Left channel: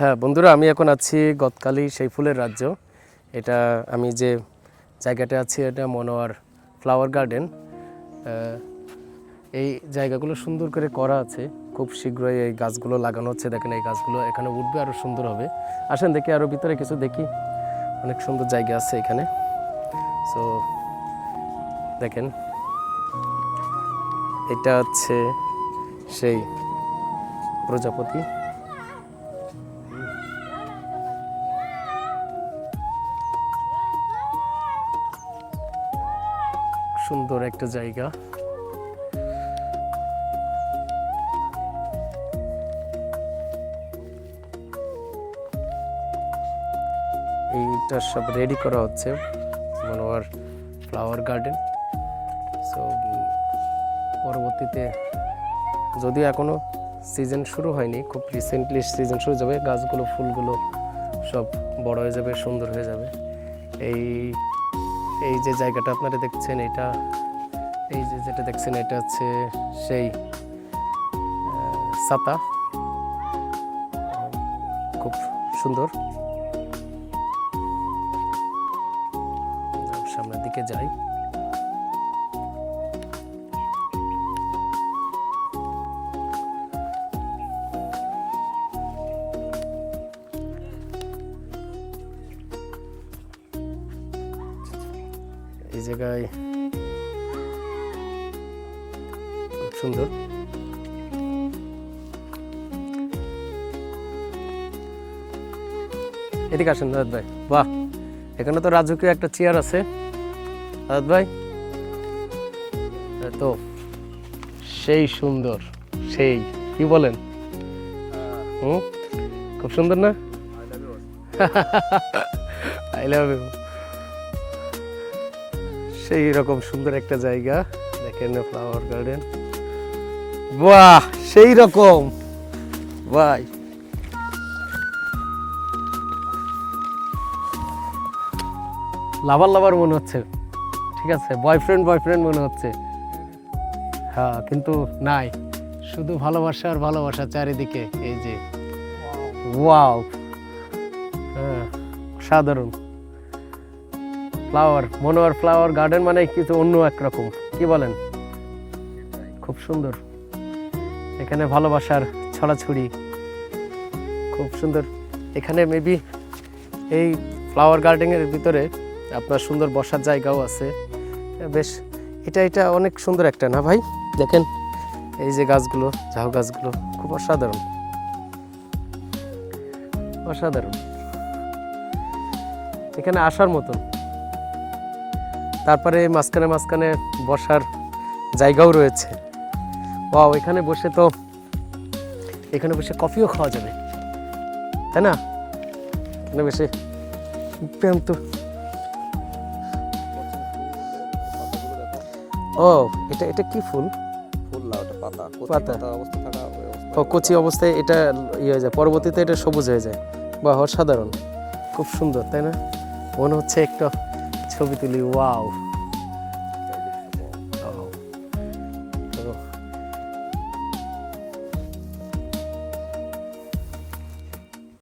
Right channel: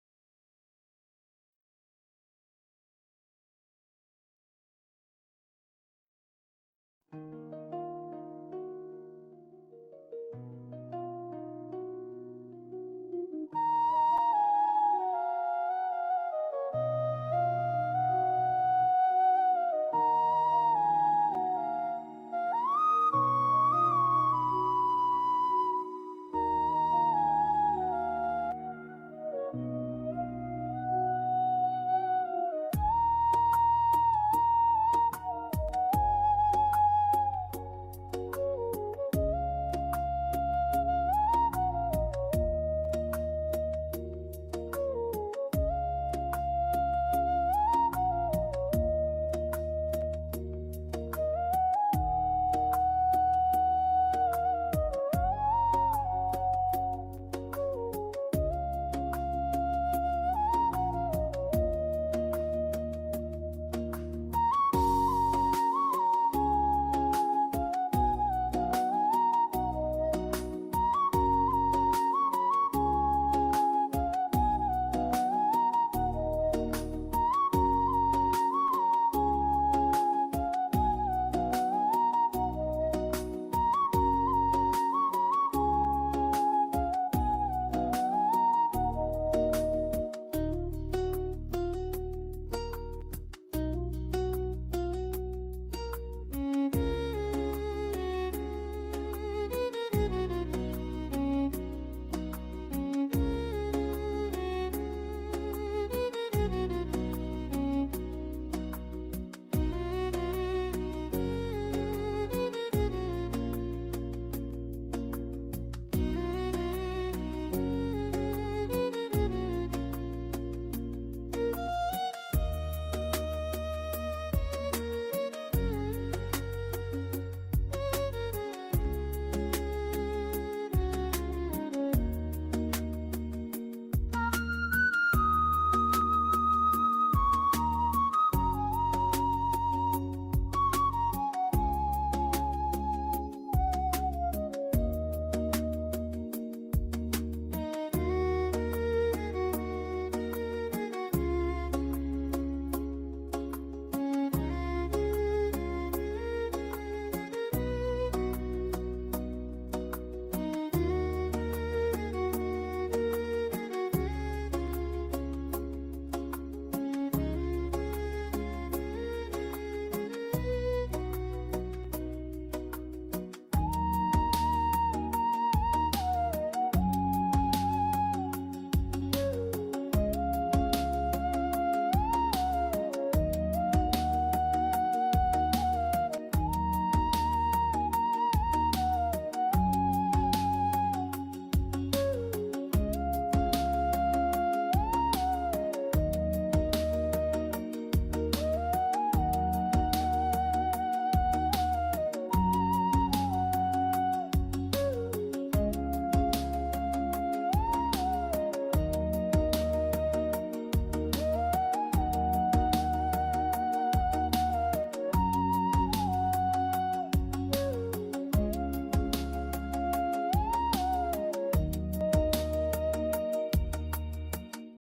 হ্যাঁ বন্ধুরা, আমি এখন আছি গতকালি সেই ফুলের রাজ্য। এটা আমি যে জায়গাটা আছি, এটা মনোয়ার ফ্লাওয়ার গার্ডেন এই জায়গাগুলো সুন্দর করে করা আছে। খুব শীঘ্রই এই গাছগুলো লাগানো হচ্ছে। দেখেন, এই গাছগুলো এখানে উঠবে আরও সুন্দর হবে। আসেন, দেখি আরও ভিতরে কিছু দেখি। অনেক সুন্দর জায়গা আছে এখানে। সো দেখেন, এটা হচ্ছে সেই প্রজাপতি। সুন্দর একটা জায়গা। এইটা সব রেডি করা হচ্ছে, মনোয়ার ফ্লাওয়ার গার্ডেন সো পরবর্তীতে যদিও এখনও সিজন শুরু হয়নি, খুব রিসেন্টলি সিজন শুরু যাবে, গাছগুলো, ফুলগুলো সব বড় হয়ে যাবে, সুন্দর হয়ে যাবে। এই এই যে জায়গাটা আপনারা দেখছেন, এটা, এই যে যেটা দেখছেন, এটা হচ্ছে সেই সাতা খুব সুন্দর। সামনের দিকে যাই। এই জায়গায়। সুন্দর। এদিকে আসেন দাদ ভাই। বাহ, এখানে তো রাজকীয় একটা চেয়ার আছে। দাদ ভাই তো সেই সুন্দর, সেই, কি বলেন? খুব সুন্দর না? আই লাভ ইউ সেই রকম সুন্দর একটা জায়গা। দেখেন ফ্লাওয়ার গার্ডেন বাহ, সেই রকম। ভাই। লাভার লাভার মনে হচ্ছে। ঠিক আছে বয়ফ্রেন্ড বয়ফ্রেন্ড মনে হচ্ছে। হ্যাঁ কিন্তু নাই। শুধু ভালোবাসা আর ভালোবাসা চারিদিকে, এই যে। ওয়াও হ্যাঁ সাধারণ। ফ্লাওয়ার মনোয়ার ফ্লাওয়ার গার্ডেন মানে কিছু অন্য একরকম কি বলেন? খুব সুন্দর। এখানে ভালোবাসার ছড়াছড়ি। খুব সুন্দর। এখানে মেবি এই ফ্লাওয়ার গার্ডেনের ভিতরে আপনার সুন্দর বসার জায়গাও আছে। বেশ, এটা এটা অনেক সুন্দর একটা, না ভাই? দেখেন, এই যে গাছগুলো, ঝাউ গাছগুলো, খুব অসাধারণ। অসাধারণ। এখানে আসার মতো। তারপরে মাঝখানে মাঝখানে বসার জায়গাও রয়েছে। ওয়াও এখানে বসে তো এখানে বসে কফিও খাওয়া যাবে। তাই না? এখানে বসে ও এটা এটা কি ফুল? পাতা। ও কচি অবস্থায় এটা ইয়ে হয়ে যায় পরবর্তীতে এটা সবুজ হয়ে যায়। বা অসাধারণ। খুব সুন্দর তাই না? মনে হচ্ছে একটা ছবি তুলি ওয়াও।